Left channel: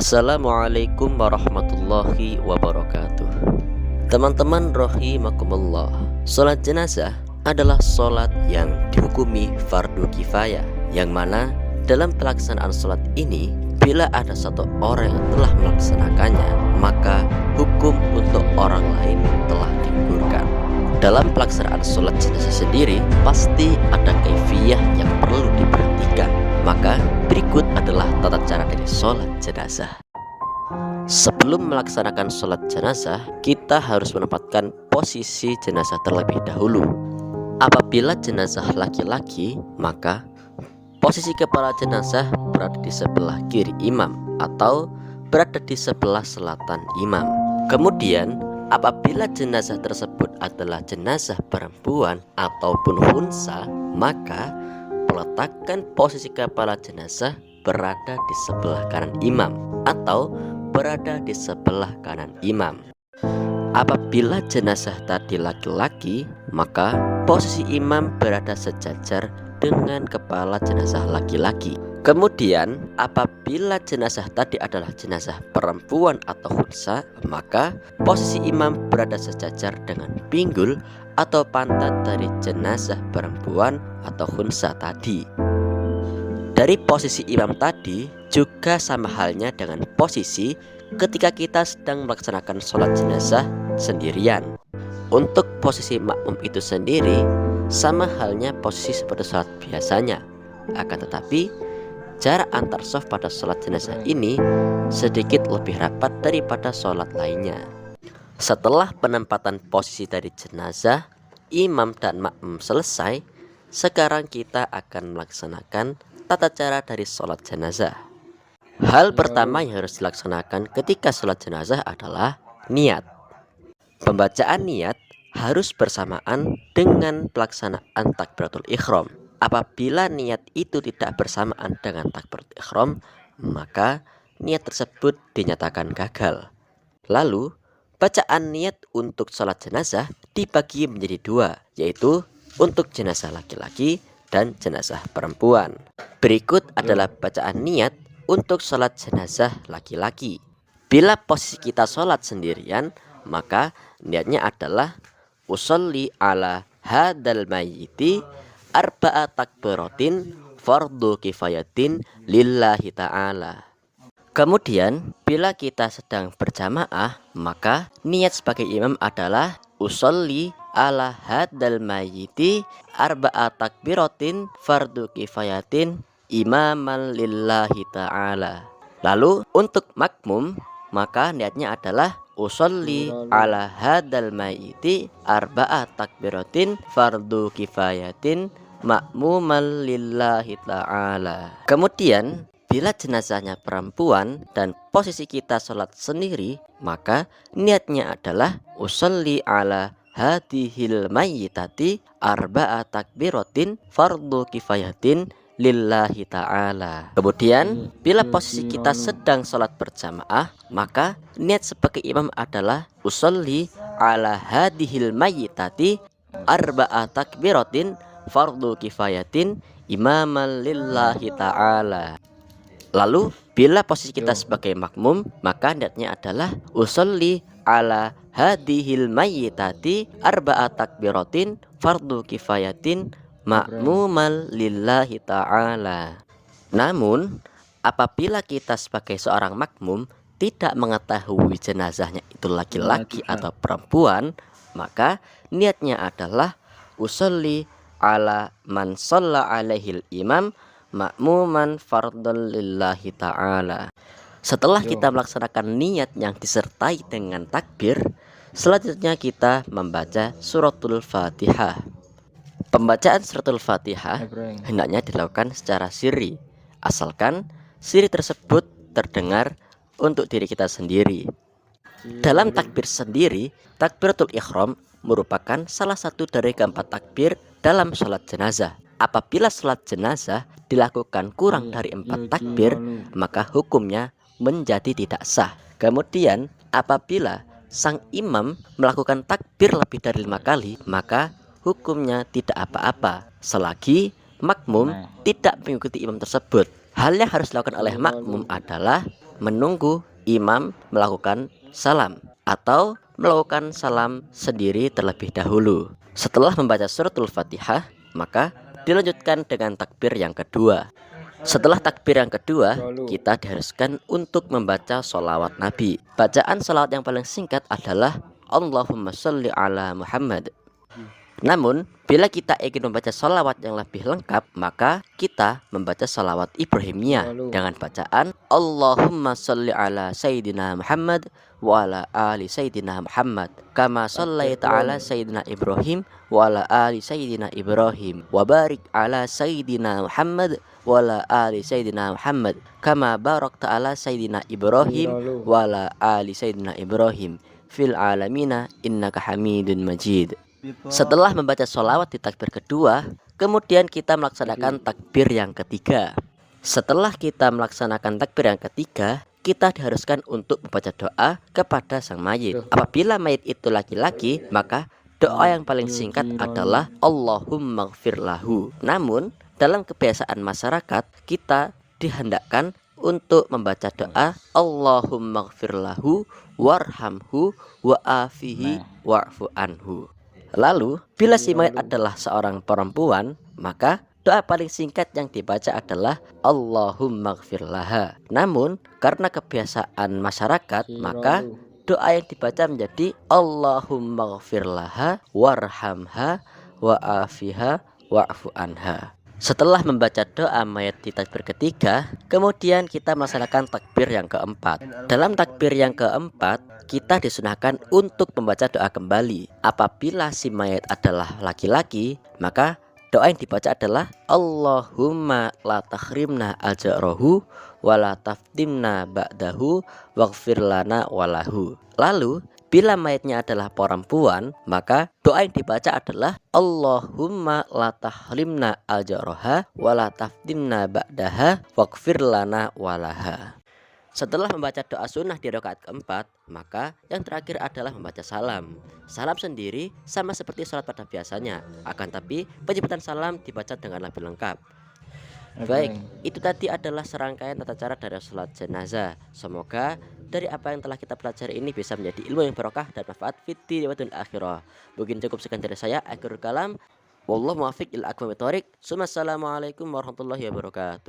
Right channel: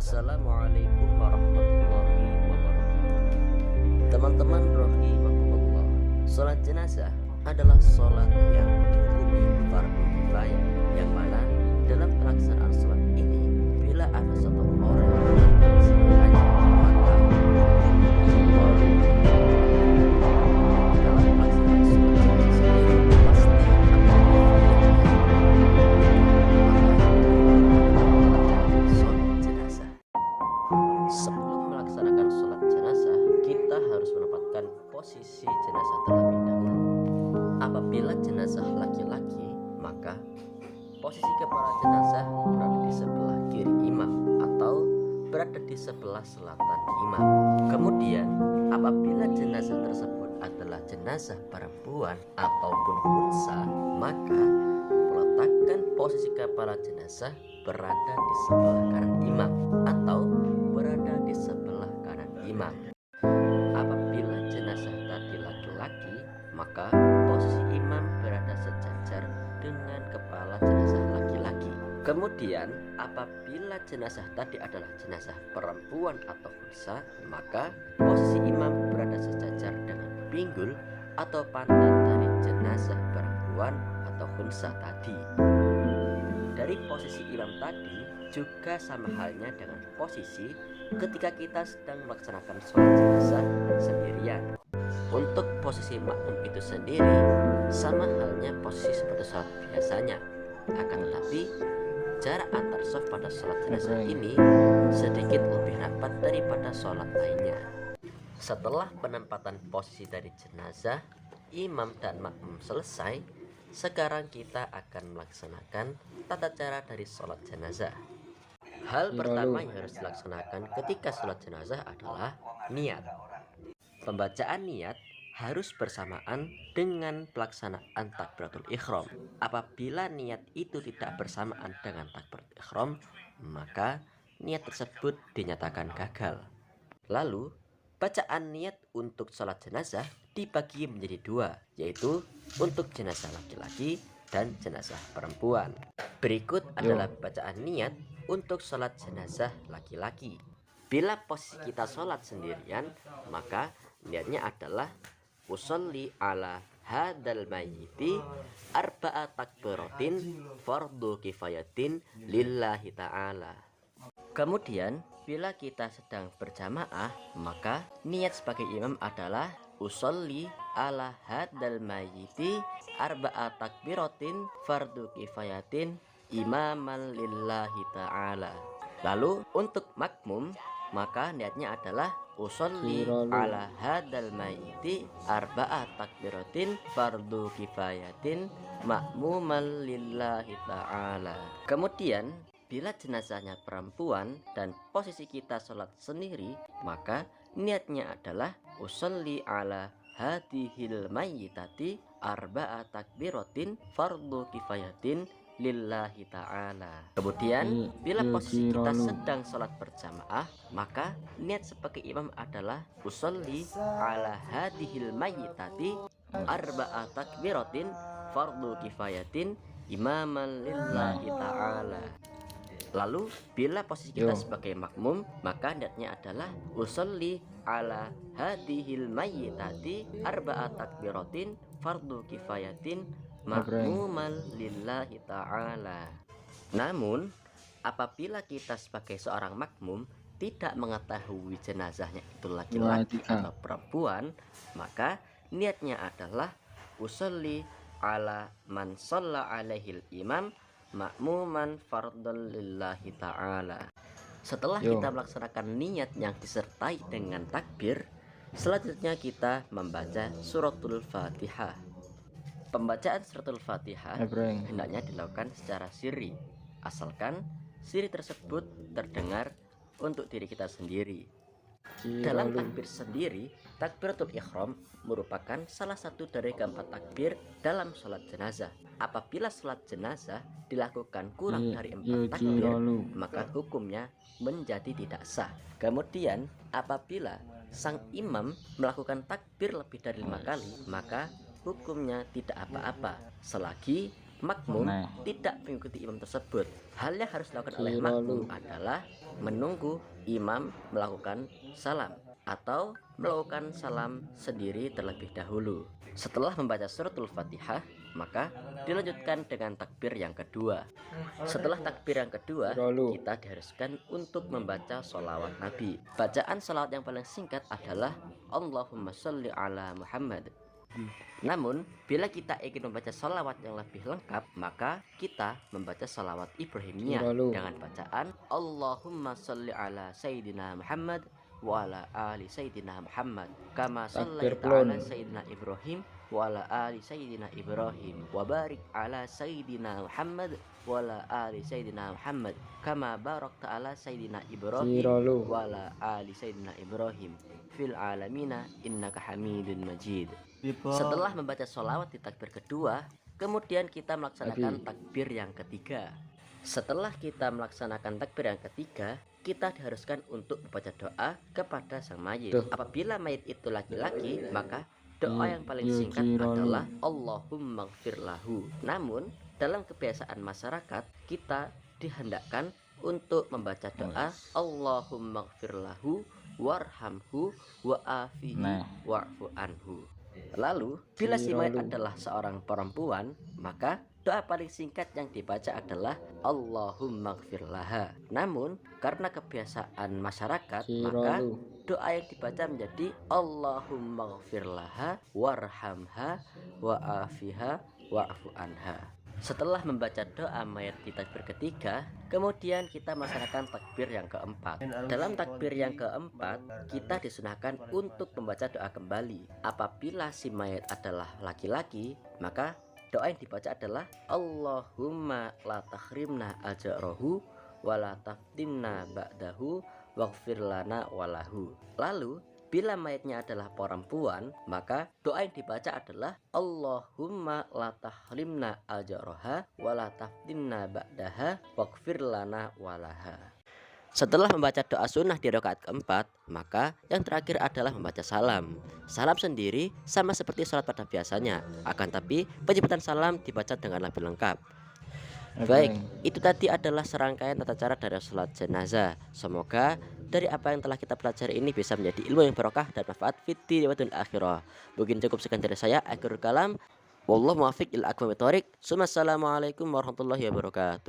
Assalamualaikum warahmatullahi wabarakatuh. Teman-teman rahimakumullah, sholat jenazah adalah sholat yang dihukumi fardu kifayah, yang mana dalam pelaksanaan sholat ini, bila ada satu orang yang telah melaksanakannya, maka hukum untuk orang lain telah digugurkan. Dalam pelaksanaan sholat jenazah sendiri, pasti ada kaifiyah yang perlu diperhatikan. Maka berikut adalah tata cara dari sholat jenazah. Sebelum melaksanakan sholat jenazah, kita harus menempatkan posisi jenazah terlebih dahulu. Apabila jenazah laki-laki, maka posisi kepala jenazah berada di sebelah kiri imam atau berada di sebelah selatan imam. Kemudian apabila jenazah tersebut adalah jenazah perempuan ataupun unsa, maka peletakan posisi kepala jenazah berada di sebelah kanan imam atau berada di sebelah kanan imam. Apabila jenazah tadi laki-laki, maka posisi imam berada sejajar dengan kepala jenazah laki-laki. Kemudian apabila jenazah tadi adalah jenazah perempuan atau unsa, maka posisi imam berada sejajar dengan pinggul atau pantat dari jenazah perempuan atau unsa tadi. Dari posisi imam tadi juga sama halnya dengan posisi ketika kita sedang melaksanakan sholat jenazah sendirian. Untuk posisi makmum itu sendiri sama halnya posisi seperti sholat biasanya. Akan tetapi jarak antar shaf pada sholat jenazah ini sedikit lebih rapat daripada sholat lainnya. Setelah penempatan posisi dari jenazah, imam dan makmum selesai, sekarang kita akan melaksanakan tata cara dari sholat jenazah. Hal pertama yang harus dilaksanakan ketika sholat jenazah adalah niat. Pembacaan niat harus bersamaan dengan pelaksanaan takbiratul ihram. Apabila niat itu tidak bersamaan dengan takbiratul ihram, maka niat tersebut dinyatakan gagal. Lalu bacaan niat untuk sholat jenazah dibagi menjadi dua, yaitu untuk jenazah laki-laki dan jenazah perempuan. Berikut adalah bacaan niat untuk sholat jenazah laki-laki. Bila posisi kita sholat sendirian, maka niatnya adalah usolli ala hadal mayyiti arba'a takbiratin fardu kifayatin lillahi ta'ala. Kemudian bila kita sedang berjamaah, maka niat sebagai imam adalah usolli ala hadal mayyiti arba'a takbiratin fardu kifayatin imaman lillahi ta'ala. Lalu untuk makmum, maka niatnya adalah usolli ala hadal mayyiti arba'a takbiratin fardu kifayatin makmuman lillahi ta'ala. Kemudian bila jenazahnya perempuan dan posisi kita sholat sendiri, maka niatnya adalah usolli ala hadihil mayyitati arba'a takbiratin fardu kifayatin lillahi ta'ala. Kemudian bila posisi kita sedang sholat berjamaah, maka niat sebagai imam adalah usolli ala hadihil mayyitati arba'a takbiratin fardu kifayatin imaman lillahi ta'ala. Lalu bila posisi kita sebagai makmum, maka niatnya adalah usolli ala hadihil mayyitati arba'a takbiratin fardu kifayatin makmumal lillahi ta'ala. Namun apabila kita sebagai seorang makmum tidak mengetahui jenazahnya itu laki-laki atau perempuan, maka niatnya adalah usolli ala man shalla alaihil imam makmuman fardhan lillahi ta'ala. Setelah kita melaksanakan niat yang disertai dengan takbir, selanjutnya kita membaca suratul Fatihah. Pembacaan suratul Fatihah hendaknya dilakukan secara sirri, asalkan sirri tersebut terdengar untuk diri kita sendiri. Dalam takbir sendiri, takbiratul ihram merupakan salah satu dari keempat takbir dalam sholat jenazah. Apabila sholat jenazah dilakukan kurang dari 4 takbir, maka hukumnya menjadi tidak sah. Kemudian apabila sang imam melakukan takbir lebih dari 5 kali, maka hukumnya tidak apa-apa selagi makmum tidak mengikuti imam tersebut. Hal yang harus dilakukan oleh makmum adalah menunggu imam melakukan salam atau melakukan salam sendiri terlebih dahulu. Setelah membaca suratul Fatihah, maka dilanjutkan dengan takbir yang kedua. Setelah takbir yang kedua, kita diharuskan untuk membaca sholawat Nabi. Bacaan sholawat yang paling singkat adalah Allahumma sholli ala Muhammad. Namun, bila kita ingin membaca sholawat yang lebih lengkap, maka kita membaca sholawat Ibrahimiyah dengan bacaan Allahumma sholli ala Sayyidina Muhammad wa ala ali Sayyidina Muhammad kama shallaita ala Sayyidina Ibrahim wa ala ali Sayyidina Ibrahim wa barik ala Sayyidina Muhammad wa ala ali Sayyidina Muhammad kama barakta ala Sayyidina Ibrahim wa ala ali Sayyidina Ibrahim fil alamina innaka Hamidun Majid. Setelah membaca sholawat di takbir kedua, kemudian kita melaksanakan takbir yang ketiga. Setelah kita melaksanakan takbir yang ketiga, kita diharuskan untuk membaca doa kepada sang mayit. Apabila mayit itu laki-laki, maka doa yang paling singkat adalah Allahumma gfir lahu. Namun, dalam kebiasaan masyarakat, kita dihendakkan untuk membaca doa Allahumma gfir lahu warhamhu wa'afihi wa'fu anhu. Lalu, bila si mayit adalah seorang perempuan, maka doa paling singkat yang dibaca adalah Allahumma gfir laha. Namun, karena kebiasaan masyarakat, maka doa yang dibaca menjadi Allahumma gfir laha warhamha wa'afiha wa'fu anha. Setelah membaca doa mayat di takbir ketiga, kemudian kita melaksanakan takbir yang keempat. Dalam takbir yang keempat, kita disunahkan untuk membaca doa kembali. Apabila si mayat adalah laki-laki, maka doa yang dibaca adalah Allahumma la tahrimna ajrahu wa la taftimna ba'dahu waghfir lana walahu. Lalu bila mayatnya adalah perempuan, maka doa yang dibaca adalah Allahumma la tahrimna ajraha wa la taftimna ba'daha waghfir lana walaha. Setelah membaca doa sunnah di rakaat keempat, maka yang terakhir adalah membaca salam. Salam sendiri sama seperti sholat pada biasanya, akan tapi penyebutan salam dibaca dengan lebih lengkap. Baik, itu tadi adalah serangkaian tata cara dari sholat jenazah. Semoga dari apa yang telah kita pelajari ini bisa menjadi ilmu yang barokah dan manfaat fid dunya wal akhirah. Mungkin cukup sekian dari saya. Akhirul kalam, wallahu muwaffiq ila aqwamit thoriq. Assalamualaikum warahmatullahi wabarakatuh.